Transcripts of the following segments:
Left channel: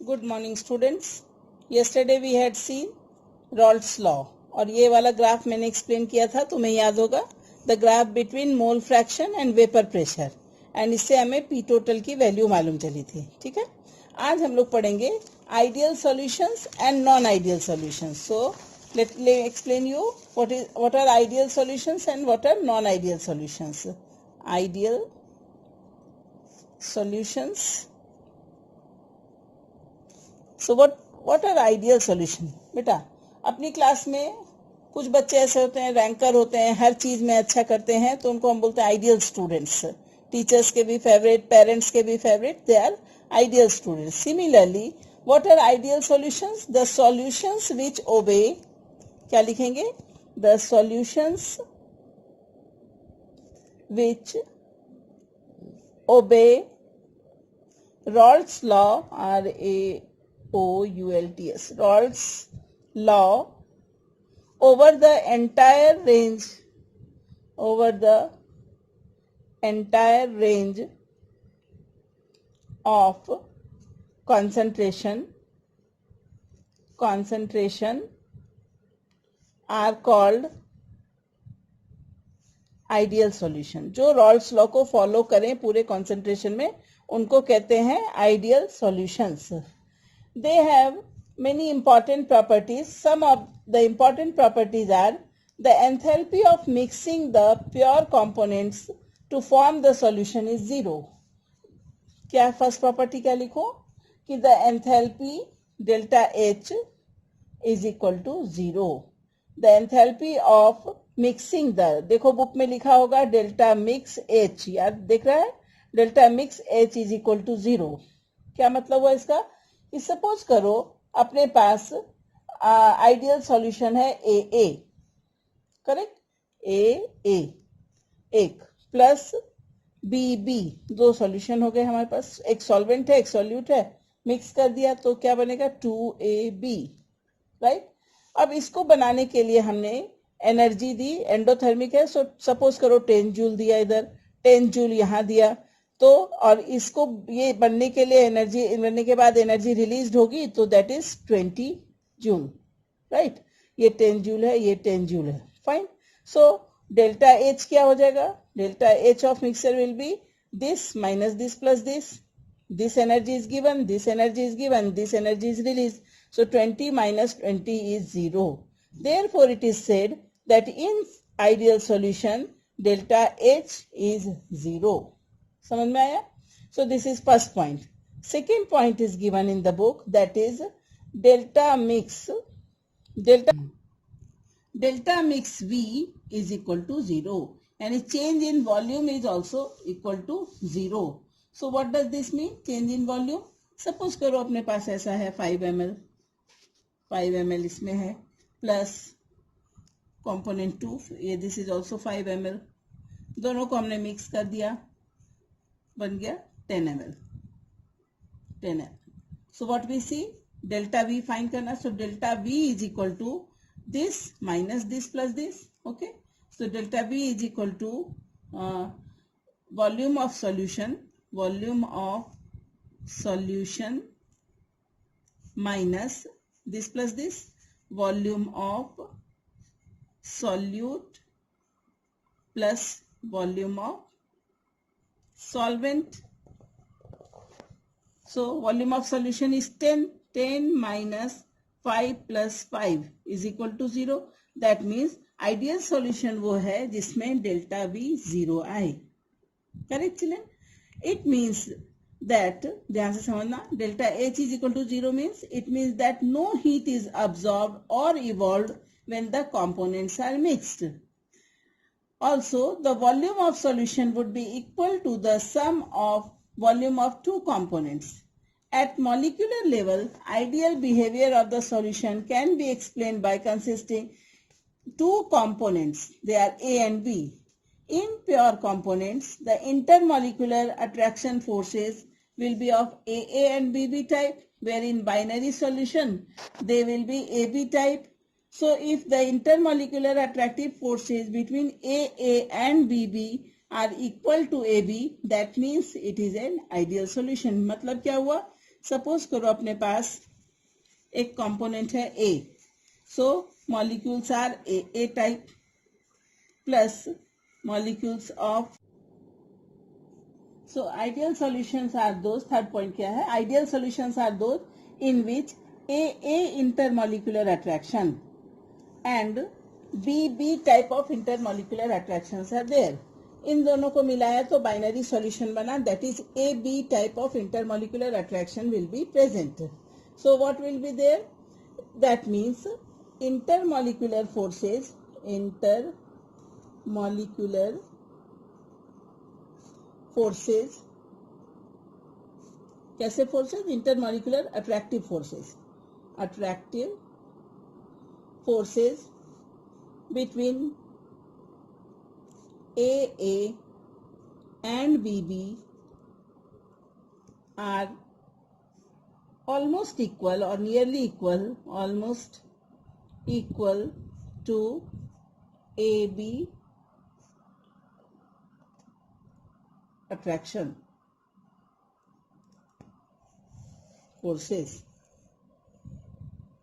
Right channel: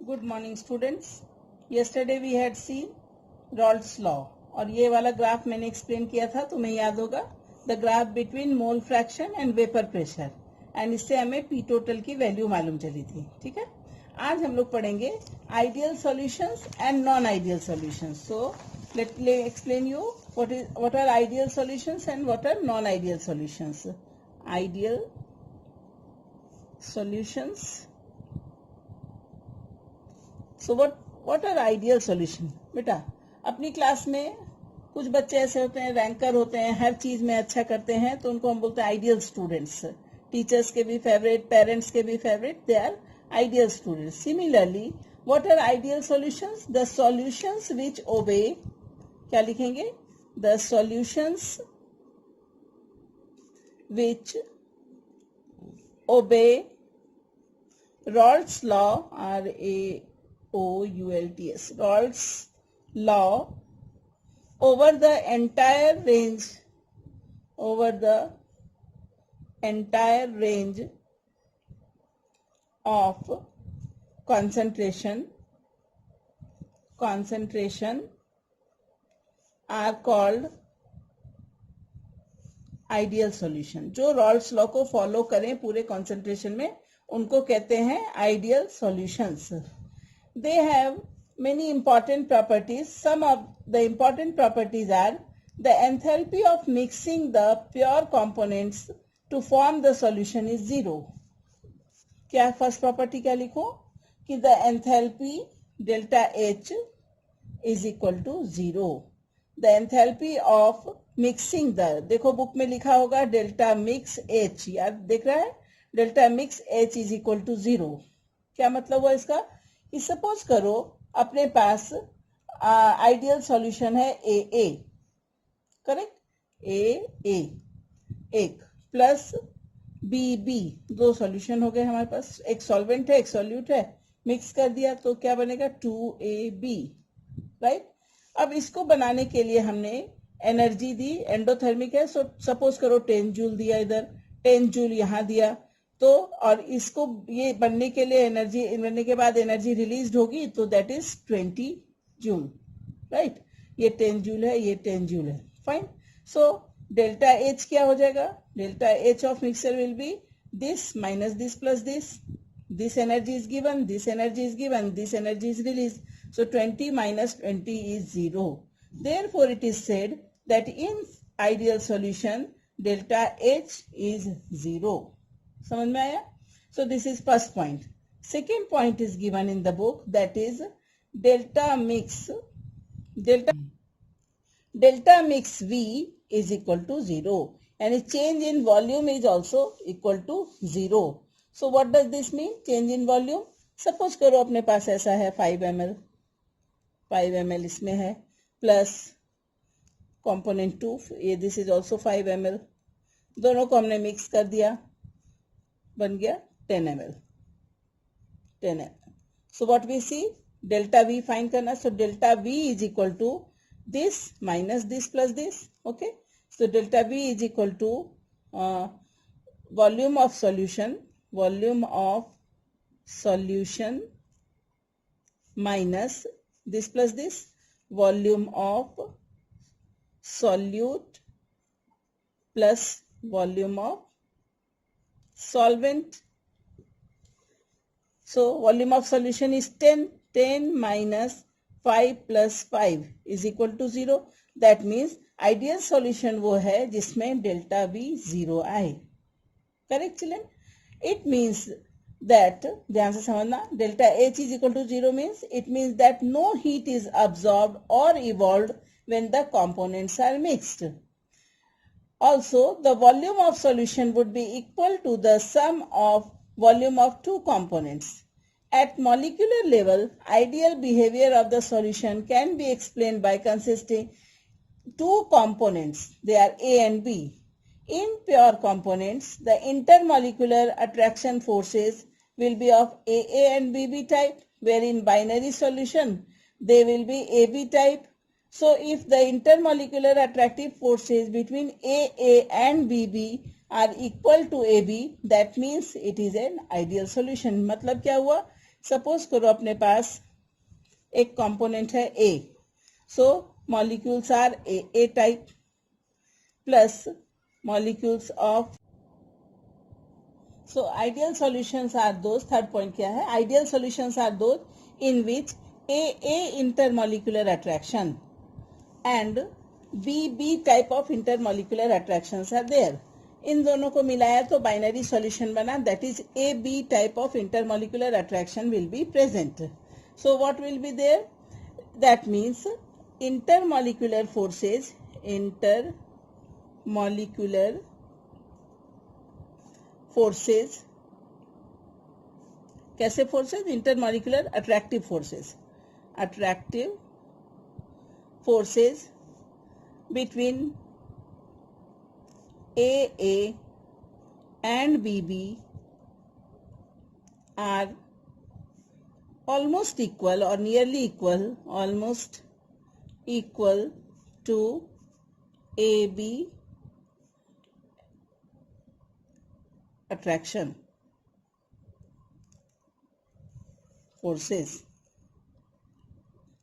Good morning students. yesterday we had seen Raoult's law और ये वाला ग्राफ मैंने एक्सप्लेन किया था, तुम्हें याद होगा, the graph between mole fraction and vapour pressure, and इससे हमें पी टोटल की वैल्यू मालूम चली थी। ठीक है, आज हम लोग पढ़ेंगे ideal solutions and non ideal solutions. So let me explain you what are ideal solutions and what are non ideal solutions. Ideal solutions. So what are ideal solution? बेटा, अपनी क्लास में कुछ बच्चे ऐसे होते हैं, रैंकर होते हैं, हर चीज में अच्छा करते हैं, तो उनको हम बोलते हैं आइडियल स्टूडेंट्स। टीचर्स के भी फेवरेट, पेरेंट्स के भी favourite, they are ideal students. Similarly what are ideal solutions? The solutions which obey, क्या लिखेंगे? द सॉल्यूशंस विच ओबे Raoult's law, Raoults, Raoult's law over the entire range of concentration are called ideal solution. जो Raoult's law को follow करें पूरे concentration में, उनको कहते हैं ideal solutions. They have many important properties. Some of the important properties are the enthalpy of mixing the pure components to form the solution is zero. क्या first property क्या लिखो? कि the enthalpy delta H is equal to zero. The enthalpy of mixing the, देखो book में लिखा होगा delta mix H, याद देख रहा है? Delta mix H is equal to zero. क्या मतलब हुआ इसका? कि सपोज करो अपने पास आइडियल सॉल्यूशन है ए, करेक्ट? ए एक प्लस बी, दो सॉल्यूशन हो गए हमारे पास। एक सॉल्वेंट है, एक सॉल्यूट है, मिक्स कर दिया तो क्या बनेगा? 2AB, right? अब इसको बनाने के लिए हमने एनर्जी दी, एंडोथर्मिक है, सो सपोज करो 10 जूल दिया, इधर 10 जूल यहाँ दिया, तो और इसको ये बनने के लिए एनर्जी बनने के बाद एनर्जी रिलीज होगी, तो दैट इज 20 जूल, राइट? ये 10 जूल है, ये 10 जूल है, फाइन। सो डेल्टा एच क्या हो जाएगा? Delta H of mixer will be this minus this plus this energy is given, this energy is given, this energy is release, so 20 minus 20 is 0. Therefore, it is said that in ideal solution, delta H is 0. समझ में आया? So this is first point. Second point is given in the book, that is delta mix V is equal to 0. And a change in volume is also equal to 0. So what does this mean? Change in volume. Suppose करो अपने पास ऐसा है 5 ml इसमें है, plus component 2, ये this is also 5 ml, दोनों को हमने मिक्स कर दिया, बन गया 10 ml। So what we see, delta v find करना। So delta v is equal to this minus this plus this, okay? So delta v is equal to volume of solution minus this plus this, volume of solute plus volume of solvent. So volume of solution is 10 minus 5 plus 5 is equal to 0. That means ideal solution वो है जिसमें delta V 0 आए, correct children? It means that, ध्यान से समझना, delta H is equal to 0 means it means that no heat is absorbed or evolved when the components are mixed. Also, the volume of solution would be equal to the sum of volume of two components. At molecular level, ideal behavior of the solution can be explained by consisting two components. They are A and B. In pure components, the intermolecular attraction forces will be of AA and BB type, where in binary solution, they will be AB type. So, if the intermolecular attractive forces between AA and BB are equal to AB, that means it is an ideal solution. मतलब क्या हुआ suppose करो अपने पास एक component है A, so molecules are A type plus molecules of, so ideal solutions are those, third point क्या है, ideal solutions are those in which A intermolecular attraction and B type of intermolecular attractions are there. इन दोनों को मिलाया तो binary solution बना, that is AB type of intermolecular attraction will be present. So what will be there, that means intermolecular forces कैसे forces, intermolecular attractive forces between AA and BB are almost equal or nearly equal to AB attraction forces.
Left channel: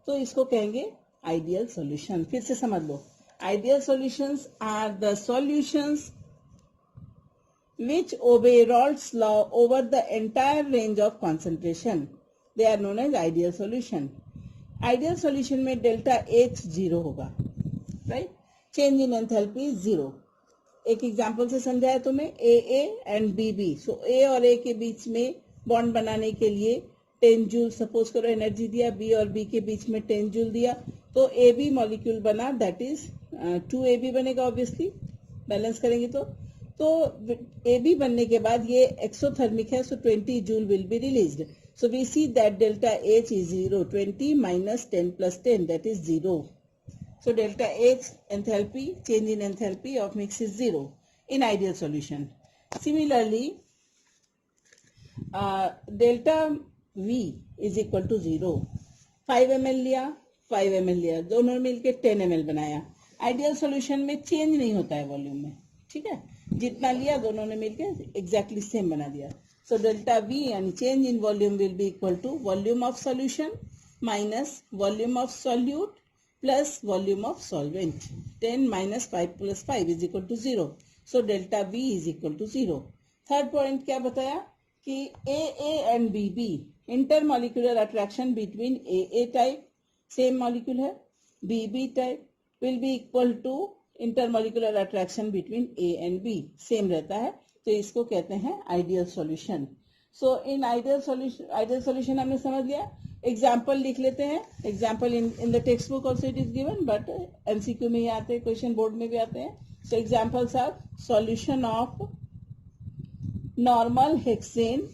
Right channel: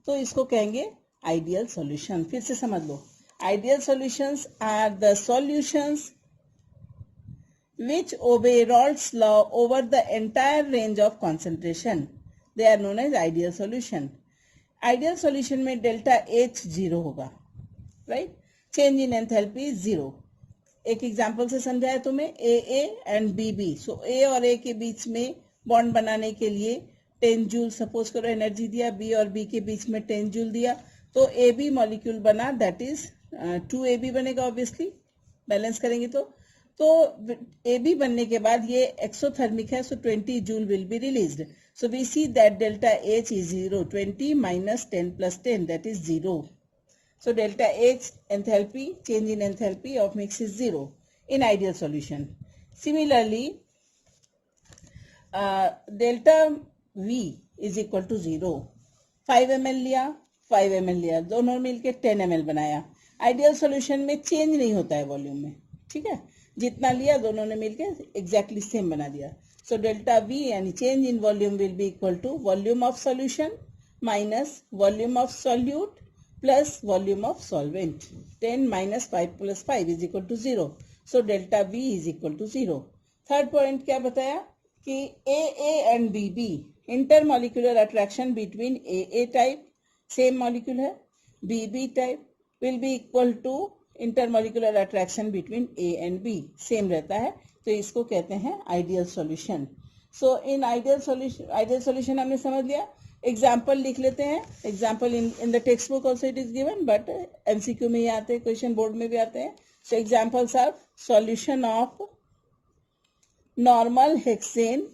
तो इसको कहेंगे ideal solution. फिर से समझ लो, ideal solutions are the solutions which obey Raoult's law over the entire range of concentration. They are known as ideal solution. Ideal solution में delta H 0 होगा, right? Change in enthalpy 0. एक example से समझाया तुम्हें, AA and BB. So A और A के बीच में बॉन्ड बनाने के लिए 10 जूल सपोज करो एनर्जी दिया, B और B के बीच में 10 जूल दिया, तो AB मॉलिक्यूल बना, दैट इज 2AB बनेगा. ऑब्वियसली बैलेंस करेंगे तो AB बनने के बाद ये एक्सोथर्मिक है, so 20 joule will be released. So we see that delta H is 0. 20 minus 10 plus 10, that is 0. So delta H enthalpy, change in enthalpy of mix is 0 in ideal solution. Similarly, delta V is equal to 0. 5 ml लिया, 5 ml लिया, दोनों मिलके 10 ml बनाया. Ideal solution में change नहीं होता है volume में, ठीक है, जितना लिया दोनों ने मिलके एग्जैक्टली सेम बना दिया. सो डेल्टा V यानी change in volume will be equal to volume of solution minus volume of solute plus volume of solvent. 10 minus 5 plus 5 is equal to 0. So delta V is equal to 0. Third point क्या बताया कि AA and BB intermolecular attraction between AA type same molecule है, BB type will be equal to intermolecular attraction between A and B, same रहता है, तो इसको कहते हैं ideal solution. So in ideal solution हमने समझ लिया. एग्जाम्पल लिख लेते हैं. Example in the text book also it is given, but MCQ में ही आते हैं, क्वेश्चन बोर्ड में भी आते हैं. So examples are solution of normal hexane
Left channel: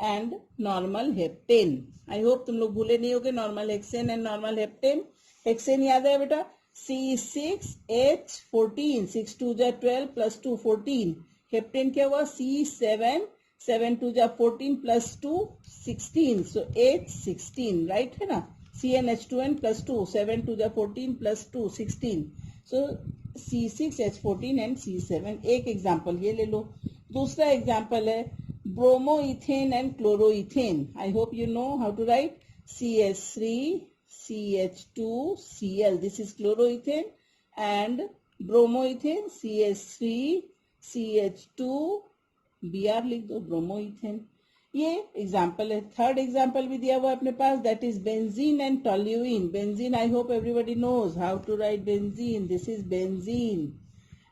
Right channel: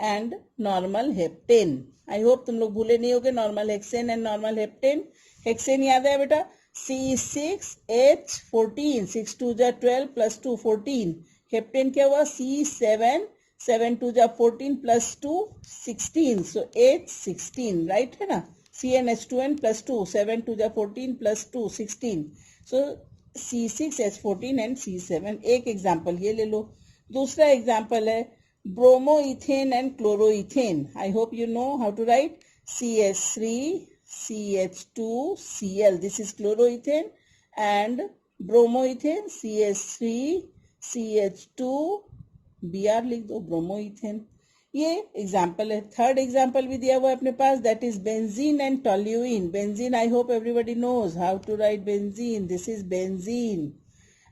and normal heptane. I hope तुम लोग भूले नहीं होगे normal hexane and normal heptane. Hexane याद है बेटा, C6H14, 6 2 जा 12 प्लस 2 14. हेप्टेन क्या हुआ, C7, 7 2 जा 14 प्लस 2 16. सो H16, राइट है ना. CnH2n प्लस 2, 7 2 जा 14 plus 2 16. So C6H14 and C7. एक एग्जाम्पल ये ले लो. दूसरा एग्जाम्पल है bromoethane and chloroethane. I hope you know how to write. CH3 CH2Cl, this is chloroethane, and bromoethane CH3 CH2 Br लिख दो, ब्रोमोइथेन. ये एग्जाम्पल है. थर्ड एग्जाम्पल भी दिया हुआ है अपने पास, that is benzene and toluene. Benzene I hope everybody knows how to write benzene. This is benzene.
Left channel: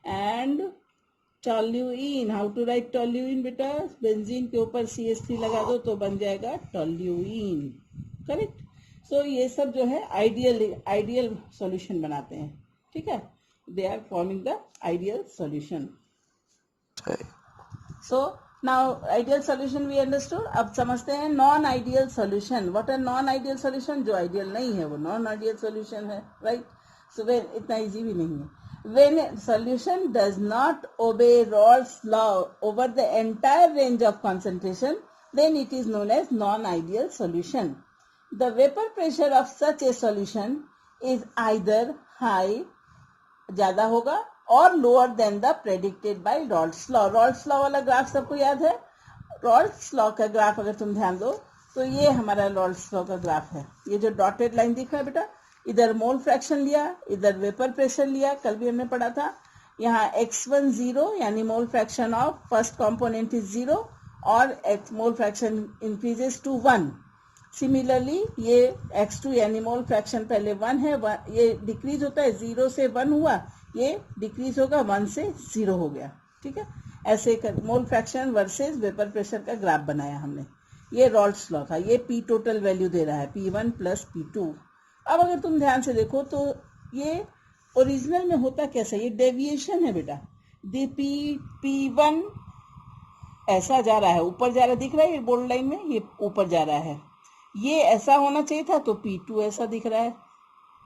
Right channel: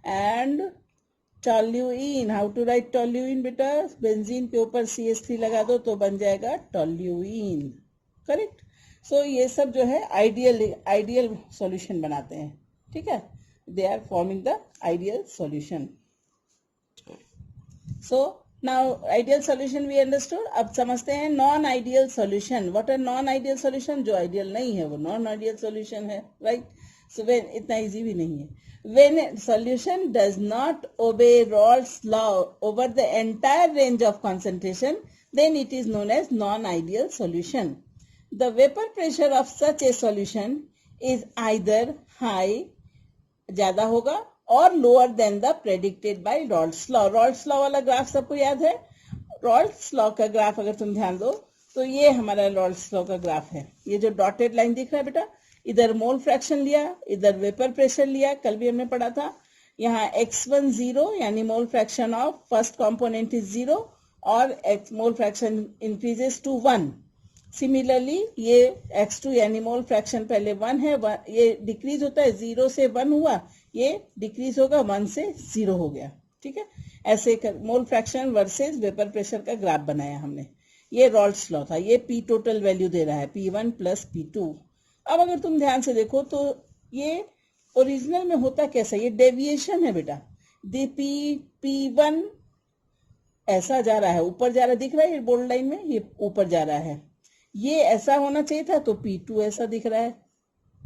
And toluene, how to write toluene बेटा. बेंजीन के ऊपर CH3 लगा दो तो बन जाएगा टोल्यूइन. करेक्ट. सो ये सब जो है आइडियल सॉल्यूशन बनाते हैं, ठीक है. They are forming the ideal solution. So now ideal solution we understood. अब समझते हैं non ideal solution. What are non ideal solution. जो आइडियल नहीं है वो नॉन आइडियल सॉल्यूशन है, राइट. सो वेन, इतना इजी भी नहीं है. When a solution does not obey Raoult's law over the entire range of concentration, then it is known as non-ideal solution. The vapor pressure of such a solution is either high, ज्यादा होगा, और lower than the predicted by Raoult's law. Raoult's law वाला graph सबको याद है. Rawls law का graph अगर तुम ध्यान दो तो ये हमारा रॉल्स लॉ का ग्राफ है। ये जो डॉटेड लाइन दिख रहा है बेटा, इधर मोल फ्रैक्शन लिया, इधर वेपर प्रेशर लिया, कल भी हमने पढ़ा था। यहाँ x1 0 यानी mole fraction of first component is 0 और mole fraction increases to 1। Similarly ये x2 यानी मोल फ्रैक्शन पहले 1 है, ये डिक्रीज होता है, 0 से 1 हुआ, ये डिक्रीज होगा, 1 से 0 हो गया। ठीक है, ऐसे mole fraction versus vapour pressure का ग्राफ बनाया हमने। ये रॉल्स लॉ था। ये पी टोटल वैल्यू दे रहा है P1 प्लस P2। अब अगर तुम ध्यान से देखो तो ये ओरिजिनल में होता कैसा, ये डेविएशन है बेटा। P1 ऐसा जा रहा है, ऊपर जा रहा है, दिख रहा है ये बोल्ड लाइन में, ये ऊपर जा रहा है। ये ऐसा होना चाहिए था, तो P2 ऐसा दिख रहा है,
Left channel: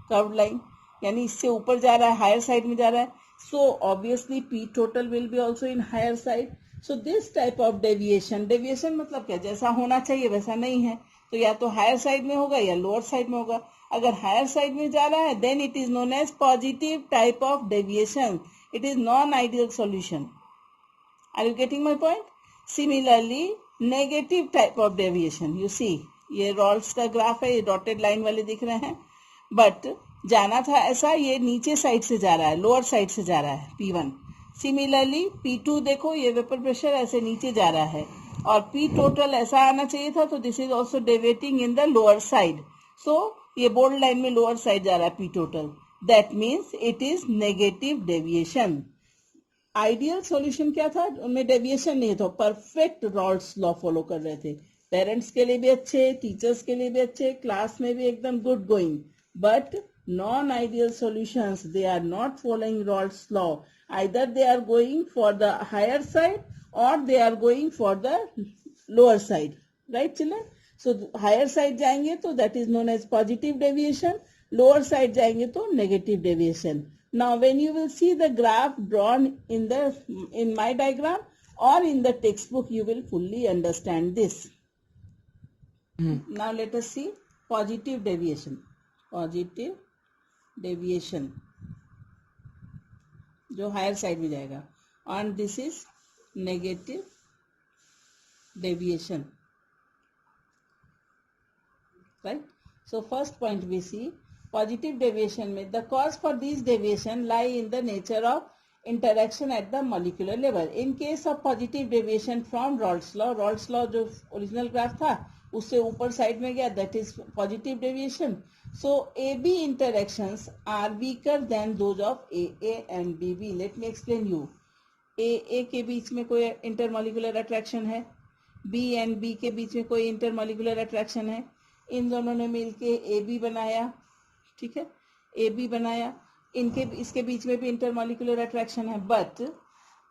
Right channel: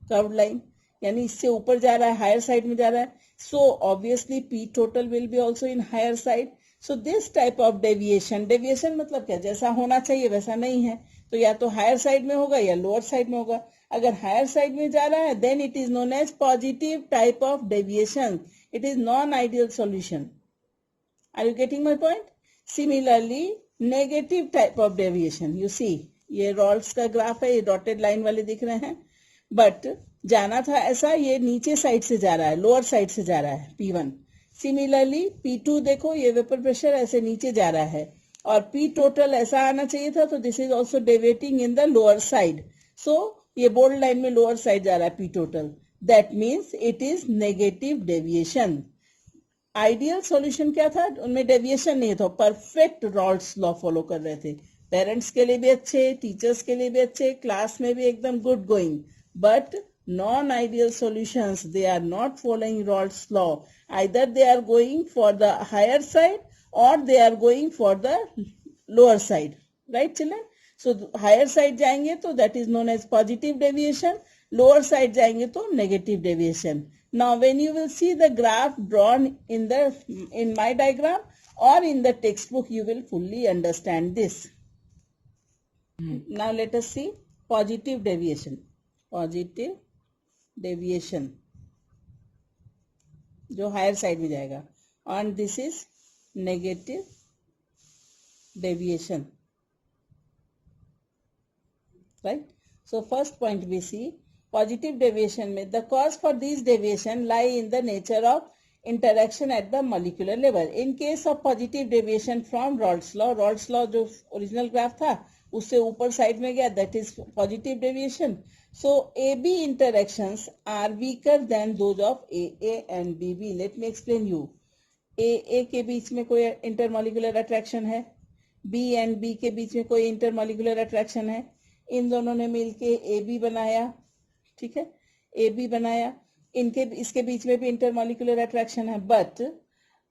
कर्व्ड लाइन, यानी इससे ऊपर जा रहा है, हायर साइड में जा रहा है। So obviously P total will be also in higher side. So this type of deviation मतलब क्या, जैसा होना चाहिए वैसा नहीं है, तो या तो हायर साइड में होगा या लोअर साइड में होगा। अगर हायर साइड में जा रहा है then it is known as positive type of deviation. It is non-ideal solution. Are you getting my point? Similarly, negative type of deviation. You see, ये रॉल्स का ग्राफ है, ये डॉटेड लाइन वाले दिख रहे हैं, बट जाना था ऐसा, ये नीचे साइड से जा रहा है, लोअर साइड से जा रहा है P1। सिमिलरली P2 देखो, ये वेपर प्रेशर ऐसे नीचे जा रहा है, और P टोटल ऐसा आना चाहिए था, तो this is also deviating in the lower side. So ये बोल्ड लाइन में लोअर साइड जा रहा है P total, that means it is negative deviation. Ideal solution क्या था, उनमें डेविएशन नहीं था, परफेक्ट रॉल्स लॉ फॉलो कर रहे थे, पेरेंट्स के लिए भी अच्छे, टीचर्स के लिए भी अच्छे, क्लास में भी एकदम good going. But non-ideal solutions, they are not following Rolle's law. Either they are going for the higher side or they are going for the lower side. Right children? So higher side जाएंगे तो that is known as positive deviation, lower side जाएंगे तो negative deviation. Now when you will see the graph drawn in my diagram or in the textbook, you will fully understand this. Now let us see positive deviation. Positive deviation जो higher side में जाएगा, और this is negative deviation, right. So first point we see positive deviation में the cause for this deviation lie in the nature of interaction at the molecular level. In case of positive deviation from Raoult's law जो original graph था उससे ऊपर side में गया, that is positive deviation. So AB interactions are weaker than those of AA and BB. Let me explain you. AA के बीच में कोई intermolecular attraction है, B and B के बीच में कोई intermolecular attraction है, इन दोनों ने मिलके AB बनाया, ठीक है, AB बनाया, इसके बीच में भी intermolecular attraction है, but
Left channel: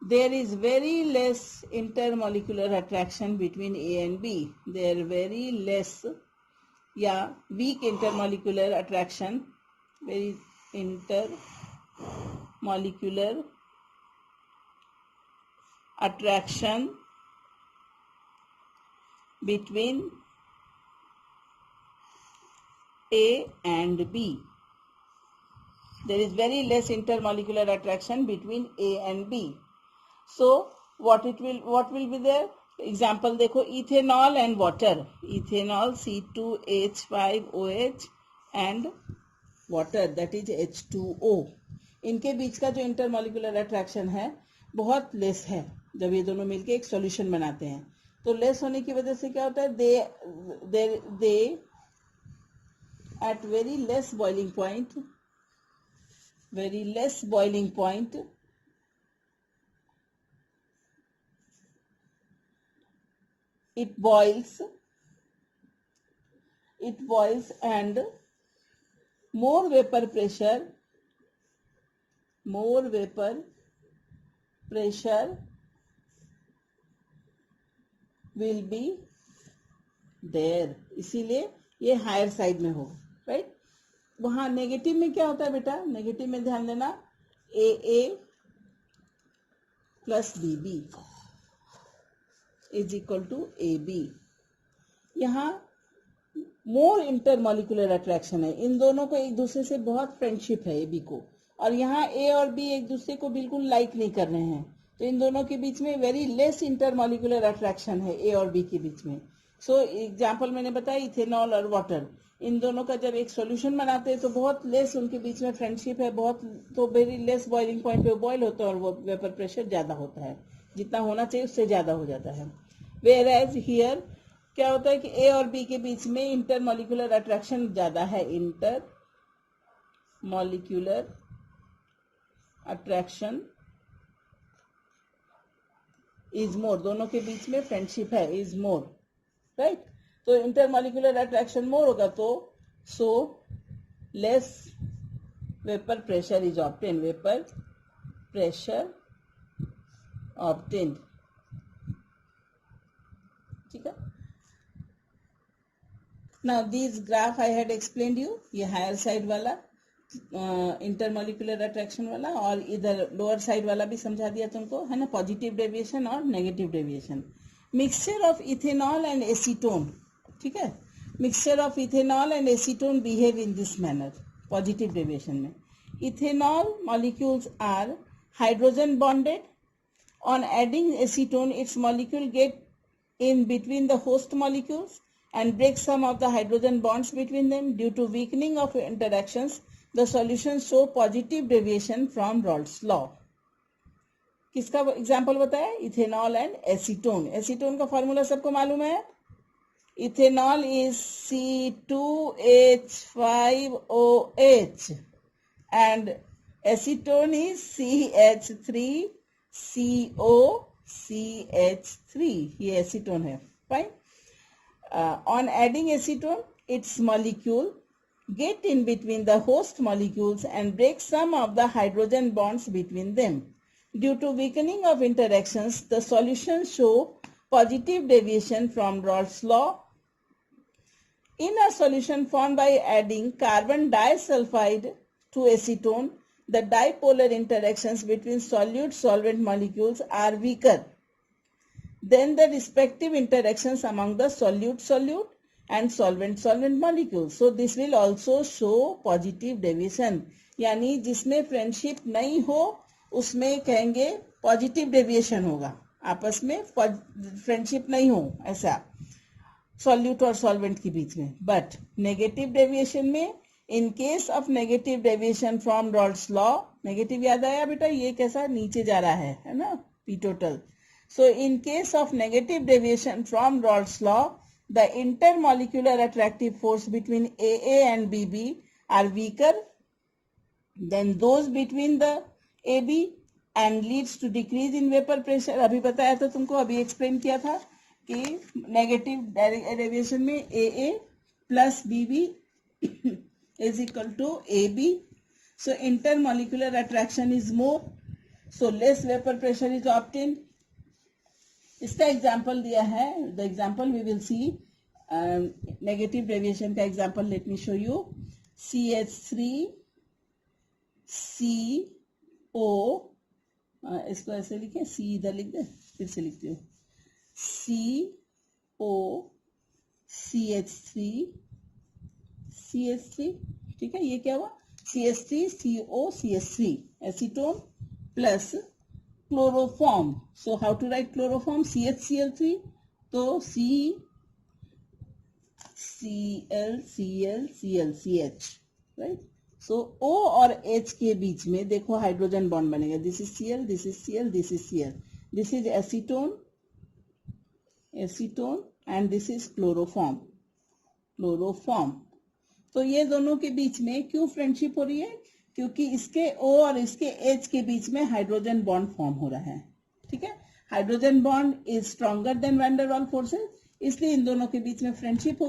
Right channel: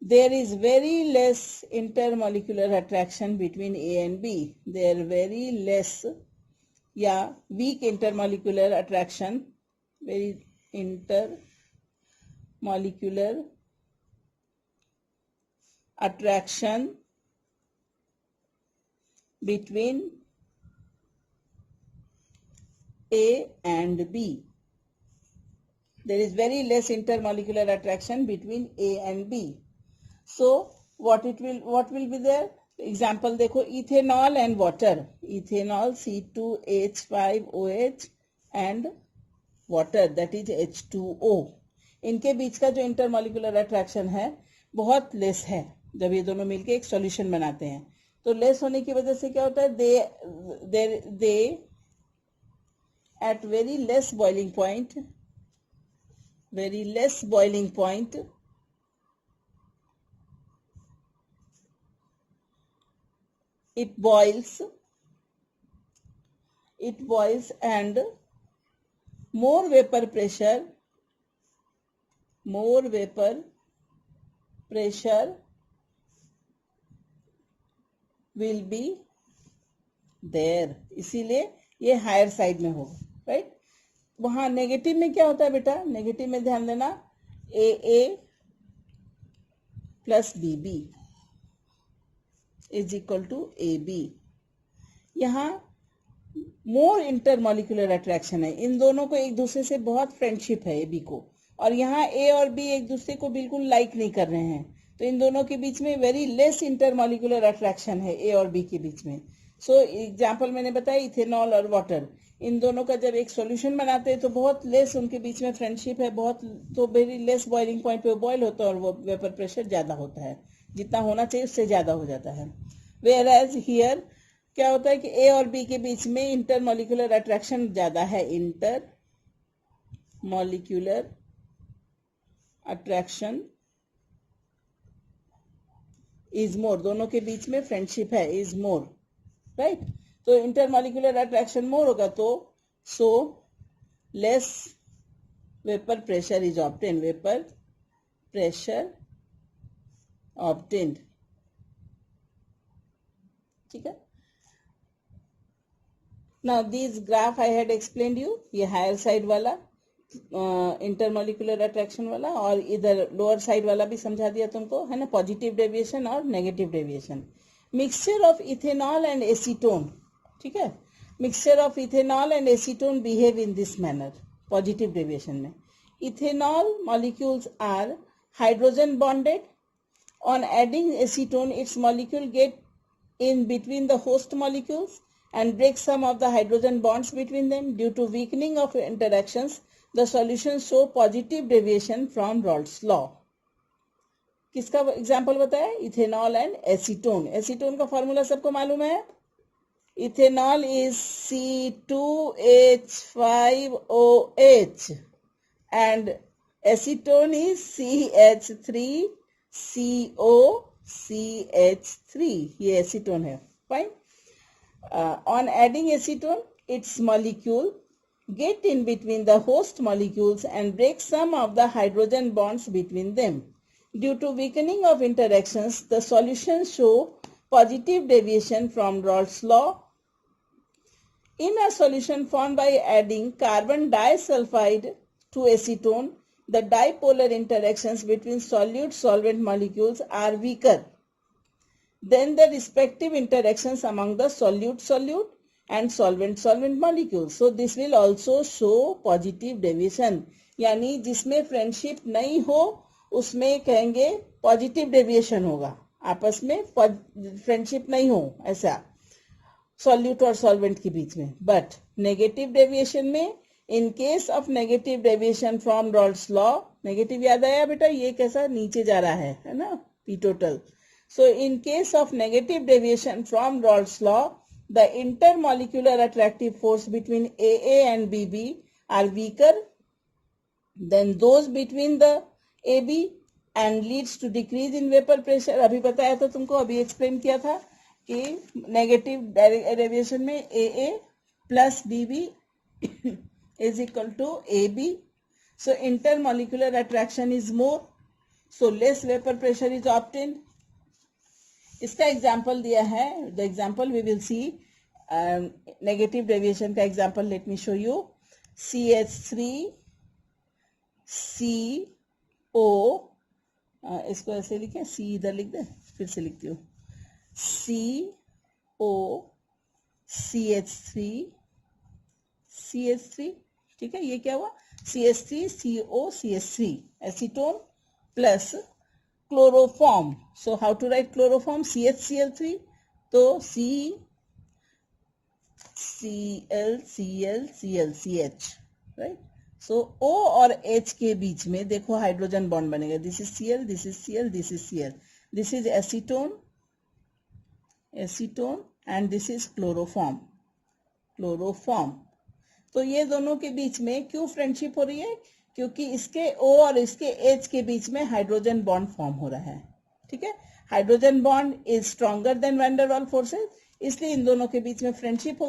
there is very less intermolecular attraction between A and B. They are very less या weak intermolecular attraction, very intermolecular attraction between A and B. There is very less intermolecular attraction between A and B. So what will be there? Example देखो, ethanol and water, ethanol C2H5OH and water that is H2O, इनके बीच का जो intermolecular attraction है बहुत less है। जब ये दोनों मिलके एक सॉल्यूशन बनाते हैं तो लेस होने की वजह से क्या होता है, they at very less boiling point it boils and more vapor pressure will be there, इसीलिए ये हायर साइड में होगा, राइट। वहां नेगेटिव में क्या होता है बेटा, नेगेटिव में ध्यान देना, AA plus BB is equal to AB। यहाँ मोर इंटरमॉलिक्यूलर अट्रैक्शन है, इन दोनों को एक दूसरे से बहुत फ्रेंडशिप है AB को, और यहाँ A और B एक दूसरे को बिल्कुल लाइक नहीं कर रहे हैं, तो इन दोनों के बीच में वेरी लेस इंटरमॉलिक्यूलर अट्रैक्शन है ए और बी के बीच में. सो एग्जाम्पल मैंने बताया इथेनॉल और वाटर, इन दोनों का जब एक सॉल्यूशन बनाते हैं तो बहुत लेस उनके बीच में फ्रेंडशिप है, बहुत तो वेरी लेस बॉइलिंग पॉइंट पे बॉयल होता है और वो वेपर प्रेशर ज्यादा होता है, जितना होना चाहिए उससे ज्यादा हो जाता है. वेयर एज हियर क्या होता है कि ए और बी के बीच में इंटरमॉलिक्यूलर अट्रैक्शन ज्यादा है, intermolecular attraction is more, दोनों के बीच में फ्रेंडशिप है, इज मोर, राइट. तो इंटरमॉलिक्यूलर अट्रैक्शन मोर होगा तो so less vapour pressure is obtained, vapour pressure obtained. ठीक है. Now this graph I had explained you, ये हायर साइड वाला इंटरमॉलिक्यूलर अट्रैक्शन वाला, और इधर लोअर साइड वाला भी समझा दिया तुमको, है ना, पॉजिटिव डेविएशन और negative deviation. Mixture of ethanol and acetone, ठीक है, mixture of ethanol and acetone behave in this manner. Positive deviation में ethanol molecules are hydrogen bonded. On adding acetone its molecule get in between the host molecules and break some of the hydrogen bonds between them. Due to weakening of interactions, the solutions show positive deviation from Raoult's law. किसका example बताया? Ethanol and acetone. Acetone का formula सबको मालूम है. Ethanol is C2H5OH and acetone is CH3COCH3. ये acetone है. Fine. On adding acetone, its molecule get in between the host molecules and break some of the hydrogen bonds between them. Due to weakening of interactions, the solutions show positive deviation from Raoult's law. In a solution formed by adding carbon disulfide to acetone, the dipolar interactions between solute-solvent molecules are weaker than the respective interactions among the solute-solute and solvent-solvent molecules. So this will also show positive deviation. यानी जिसमें friendship नहीं हो उसमें कहेंगे positive deviation होगा, आपस में friendship नहीं हो ऐसा सॉल्यूट और सॉल्वेंट के बीच में. बट नेगेटिव डेविएशन में, in case of negative deviation from Raoult's law, negative याद आया बेटा, ये कैसा नीचे जा रहा है ना, P total. So in case of negative deviation from Raoult's law, the intermolecular attractive force between AA and BB are weaker than those between the AB and leads to decrease in vapor pressure. अभी बताया था तुमको, अभी explain किया था कि negative deviation में AA plus BB is equal to AB. So intermolecular attraction is more, so less vapor pressure is obtained. इसका एग्जाम्पल दिया है. The example we will see negative deviation का example. Let me show you. CH3CO, इसको ऐसे लिखे, C इधर लिख दे, फिर से लिखती हूँ, COCH3, ठीक है. ये क्या हुआ? CH3COCH3 acetone plus chloroform. So how to write chloroform? CHCl3, तो CClClClCH, राइट. सो O और H के बीच में देखो हाइड्रोजन बॉन्ड बनेगा. This is Cl, this is Cl, this is Cl, this is acetone and this is chloroform. तो ये दोनों के बीच में क्यों फ्रेंडशिप हो रही है? क्योंकि इसके O और इसके H के बीच में हाइड्रोजन बॉन्ड फॉर्म हो रहा है. ठीक है. Hydrogen bond is stronger than van der Waals forces, इसलिए इन दोनों के बीच में फ्रेंडशिप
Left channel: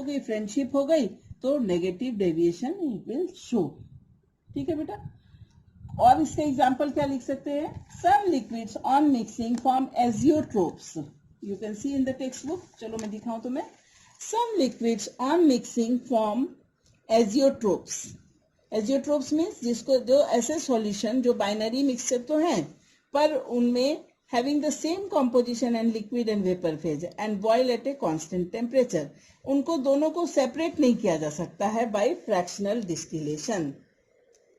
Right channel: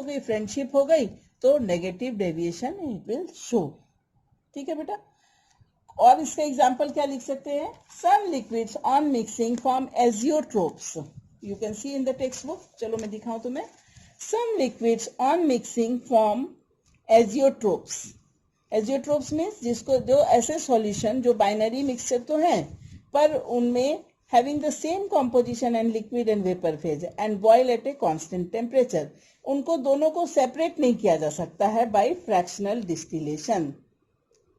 हो गई तो negative deviation it will show. ठीक है बेटा. और इसका एग्जांपल क्या लिख सकते हैं? Some liquids on mixing form azeotropes. You can see in the textbook. चलो मैं दिखाऊं तुम्हें. Some liquids on mixing form azeotropes. Azeotropes means जिसको जो ऐसे सॉल्यूशन जो बाइनरी मिक्सचर तो हैं पर उनमें having the same composition and liquid and vapour phase and boil at a constant temperature, उनको दोनों को सेपरेट नहीं किया जा सकता है बाय फ्रैक्शनल डिस्टिलेशन.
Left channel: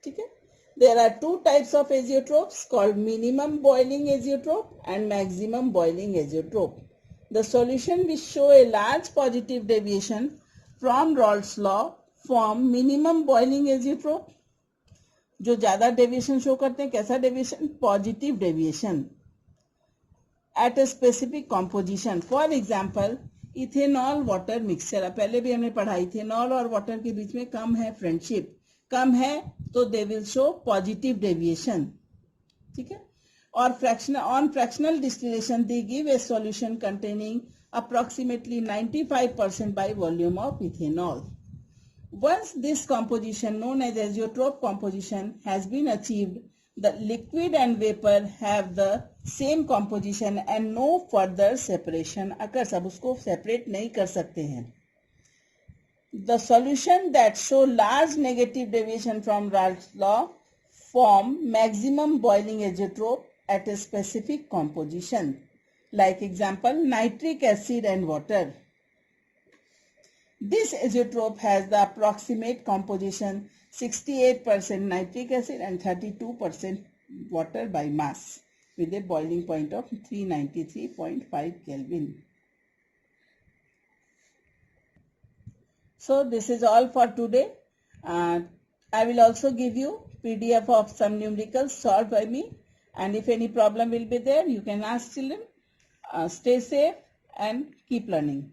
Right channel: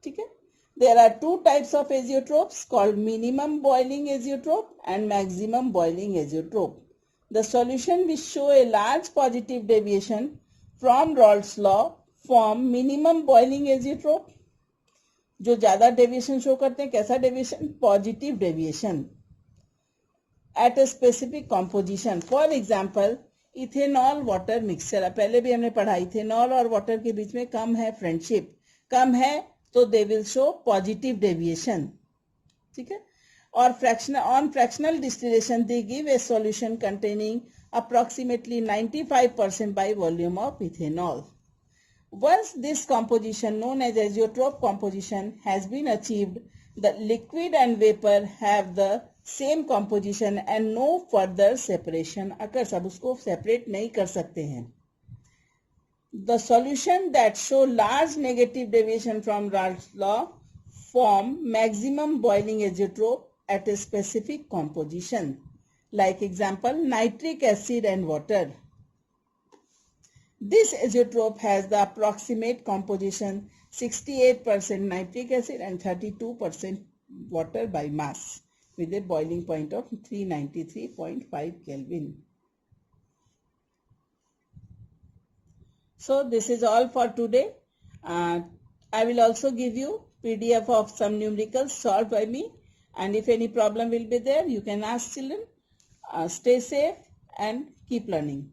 ठीक है. There are two types of azeotropes called minimum boiling azeotrope and maximum boiling azeotrope. The solution which show a large positive deviation from Raoult's law form minimum boiling azeotrope. जो ज्यादा deviation show करते हैं, कैसा deviation? Positive deviation at a specific composition. For example ethanol water mixture. पहले भी हमने पढ़ा, ethanol और वाटर के बीच में कम है फ्रेंडशिप, कम है तो they will show positive deviation. ठीक है. और fractional distillation they give a solution containing approximately 95% by volume of ethanol. Once this composition known as azeotrope composition has been achieved, the liquid and vapor have the same composition and no further separation occurs. अब उसको separate नहीं कर सकते हैं. The solution that show large negative deviation from Raoult's law form maximum boiling azeotrope at a specific composition. Like example, nitric acid and water. This azeotrope has the approximate composition 68% nitric acid and 32% water by mass with a boiling point of 393.5 Kelvin. So this is all for today. I will also give you PDF of some numericals solved by me, and if any problem will be there, you can ask children. Stay safe and keep learning.